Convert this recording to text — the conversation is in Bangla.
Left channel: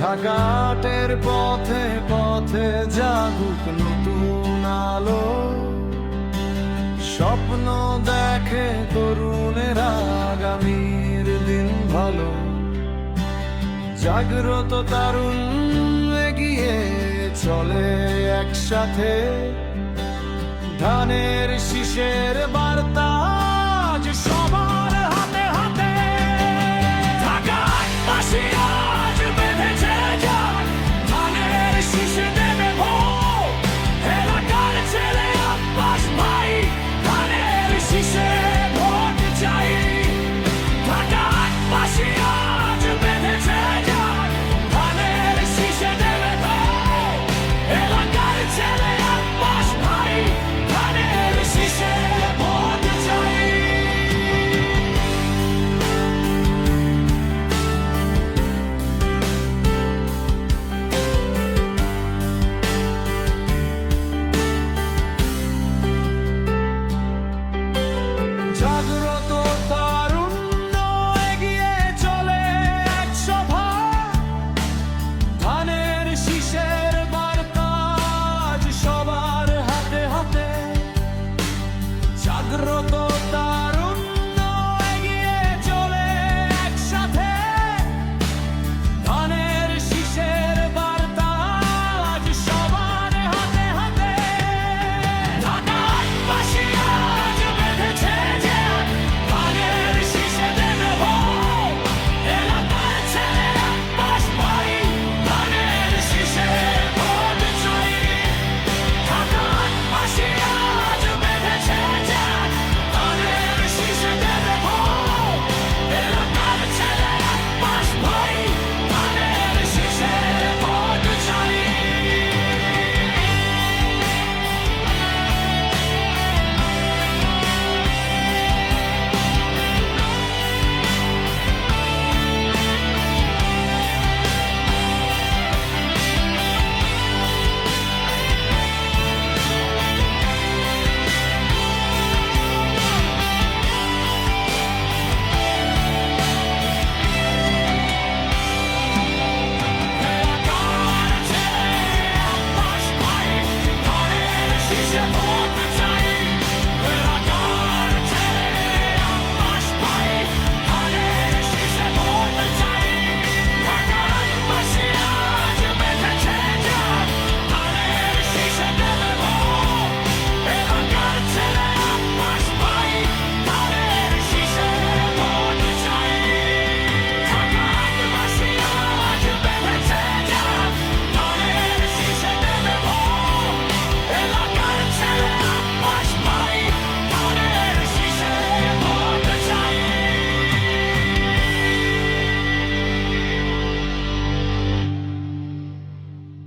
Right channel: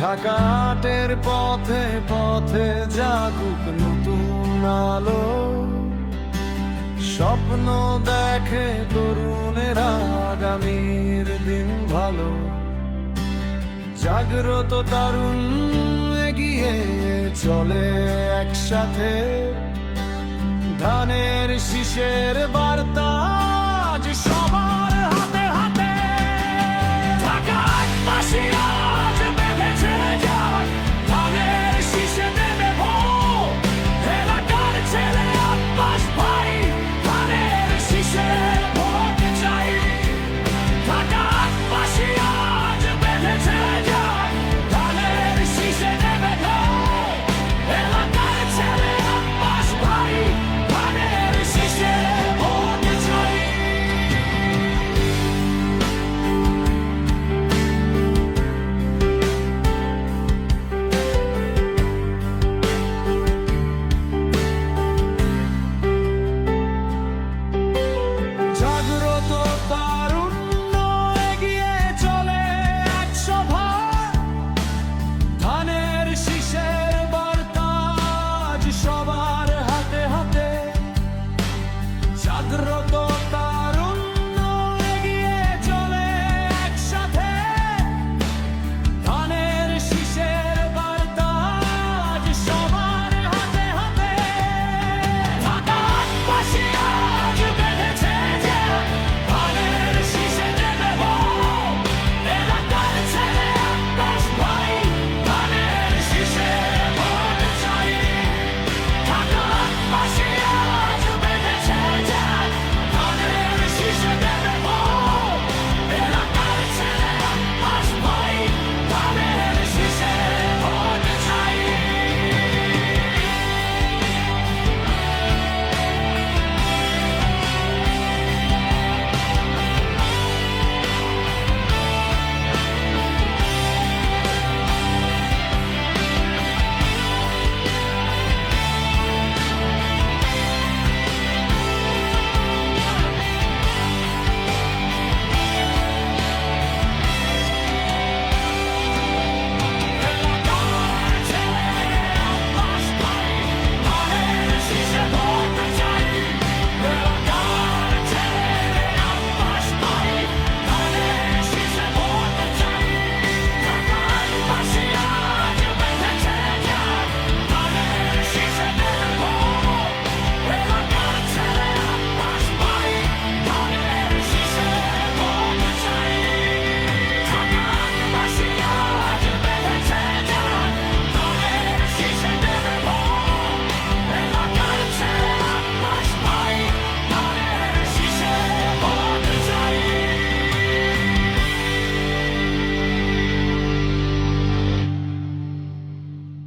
ঢাকাটের পথে পথে জাগুক নতুন আলো, স্বপ্ন দেখে তরুণেরা আগামীর দিন ভালো। জাগ্রত তরুণ এগিয়ে চলে একসাথে, ধানের শীষের বার্তা আজ সবার হাতে হাতে। ঢাকায় বাসী আজ বেঁধেছে যার, ধানের শীষে দেবে ভোট। এলাকার ছেলে আব্বাস ভাই, ধানের শীষে ভোট চাই। ঢাকায় বাসী আজ বেঁধেছে যার, ধানের শীষে দেবে ভোট। এলাকার ছেলে আব্বাস ভাই, ধানের শীষে ভোট চাই। জাগ্রত তারুণ্য এগিয়ে চলে এক সভা, ধানের শীষের বার্তা আজ সবার হাতে হাতে। জাগ্রত